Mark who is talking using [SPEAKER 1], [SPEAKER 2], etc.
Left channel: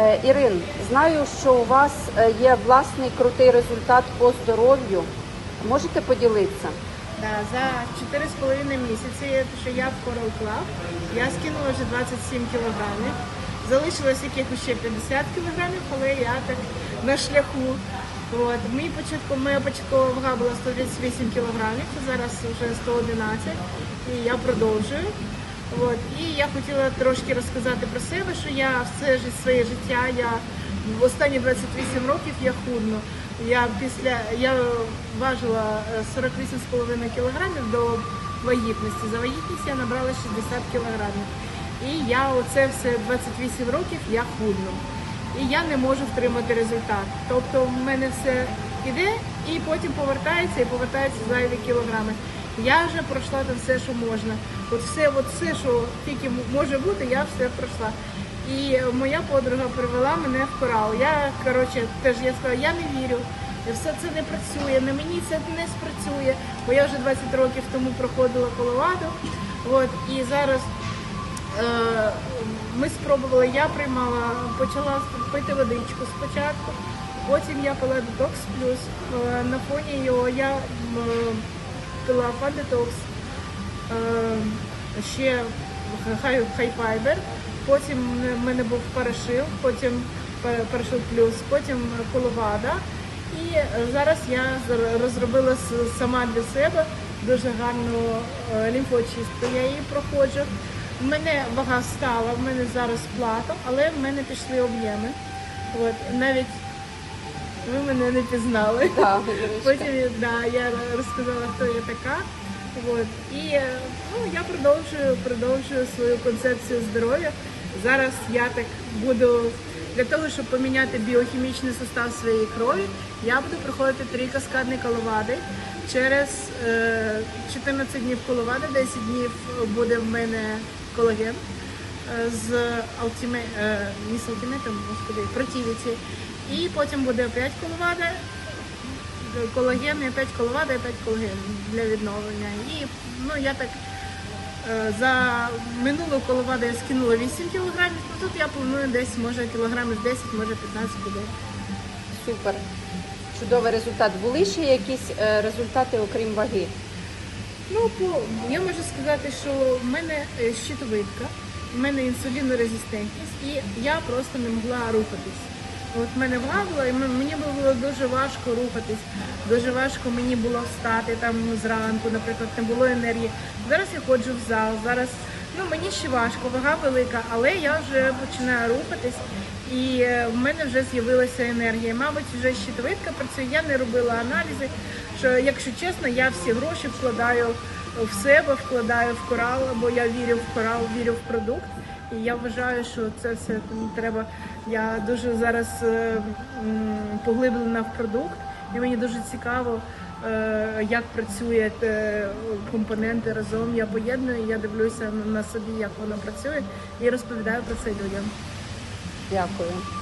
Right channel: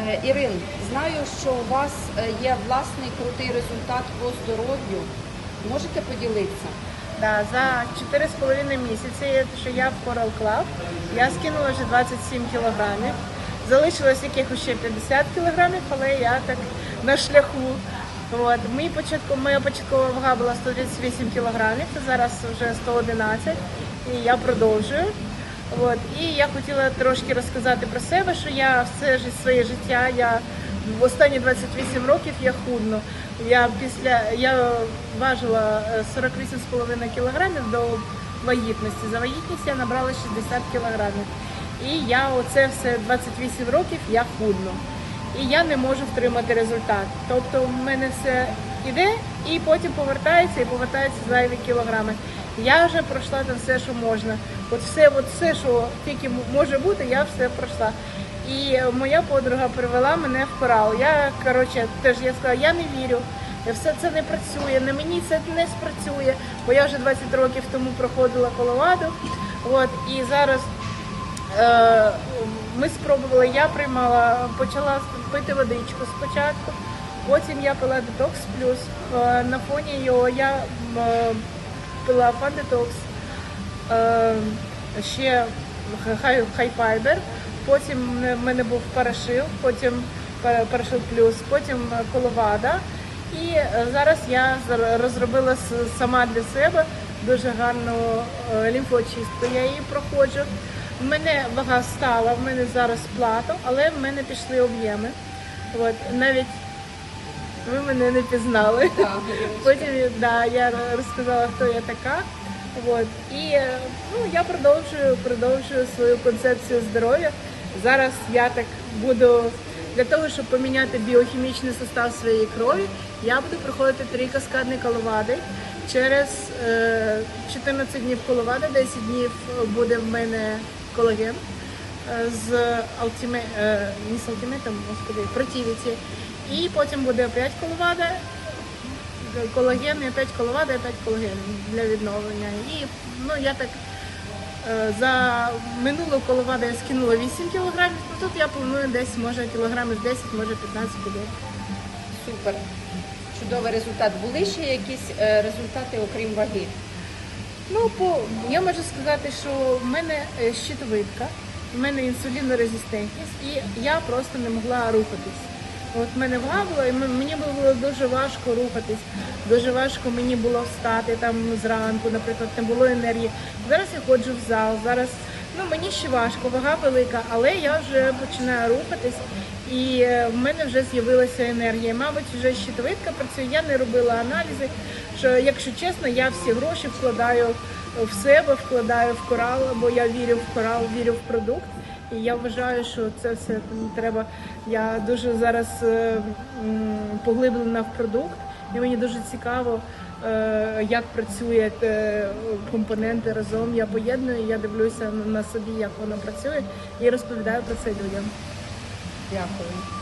[SPEAKER 1] Е, Ірин, знаю, що у вас е, є власний крутий результат по здоров'ю. Можете поділитися?
[SPEAKER 2] Да, за 4,5 місяці, що я в Coral Club, я скинула вже 27 кілограмів. Залишилось якихось ще 50 кілограмів, але я так на шляху. От. Мій початку, моя початкова вага була 138 кілограмів, зараз вже 111, і я продовжую. От. І я хотіла трошки розказати про себе, що я все своє життя, я в останні 28 років я худну. Я після я важила е, 48,5 кілограмів до вагітності. За вагітність я набрала 60 кілограмів. І я оце все 28 років я худну. І я не можу втримати результат. Тобто в мене все іде і потім повертається і повертається зайві кілограми. Я вже пройшла там все, що можна. От все, от все, що тільки може бути, я все пройшла. І е, моя подруга привела мене в корал. Я коротше теж я сказала, я не вірю. Все це не працює, на мені це не спрацює, бо я вже 20 років тому проходила коловаду. От і зараз Е, Ми спробували, я приймала, почала пити водичку спочатку, потім я пила детокс плюс. Е, На фоні його я е, пила фандетокс, е, ще хай, хайпайбер, потім в мене був парашил, потім пара- парашил плюс, потім коловада. І е, зараз я розробила сама для себе дуже гарну е, лімфоочистку. Я її проходжу. У мене вага стала, в мене зараз плато, але в мене пішли об'єми. От навіть ви мене не пізнали. Потім да, я розказала, хто я така. От. І е, ну, я продовжую, продовжую свою концепцію здоров'я. Зараз я так буду для того, щоб поміняти біохімічний состав своєї крові, я буду проходити три каскадні коловади. Через е, 14 днів коловади, 10 днів буде в мене колаген е, з алтіме, е, не з алтіметом, господи, противіці. І потім буде опять коловада, колаген, і опять коловада, і опять колаген для відновлення. І ну я так е, за минулу коловаду я скинула 8 кілограмів, ну, тут я планую десь може кілограмів 10, може 15 буде.
[SPEAKER 1] Супер. Чудовий результат. Були ще якісь е, результати, окрім ваги?
[SPEAKER 2] Ну, по я можу сказати, що в мене щитовидка, в мене інсулінорезистентність, і я просто не могла рухатись. От мене вага була, і мені було дуже важко рухатись. Дуже важко мені було встати там зранку, наприклад, не було енергії. Зараз я ходжу в зал. Зараз ну мені ще важко, вага велика, але я вже починаю рухатись, і е, в мене вже з'явилася енергія. Мабуть, вже щитовидка працює. Я не робила аналізи. Що, якщо чесно, я всі гроші вкладаю в себе, вкладаю в корал, бо я вірю в корал, вірю в продукт. І я вважаю, що це все треба. Я дуже зараз е, поглиблена в продукт, і мені дуже цікаво, е, як працює е, компоненти разом. Я поєдную, я дивлюся на собі, як воно працює, і розповідаю про це людям.
[SPEAKER 1] Дякую.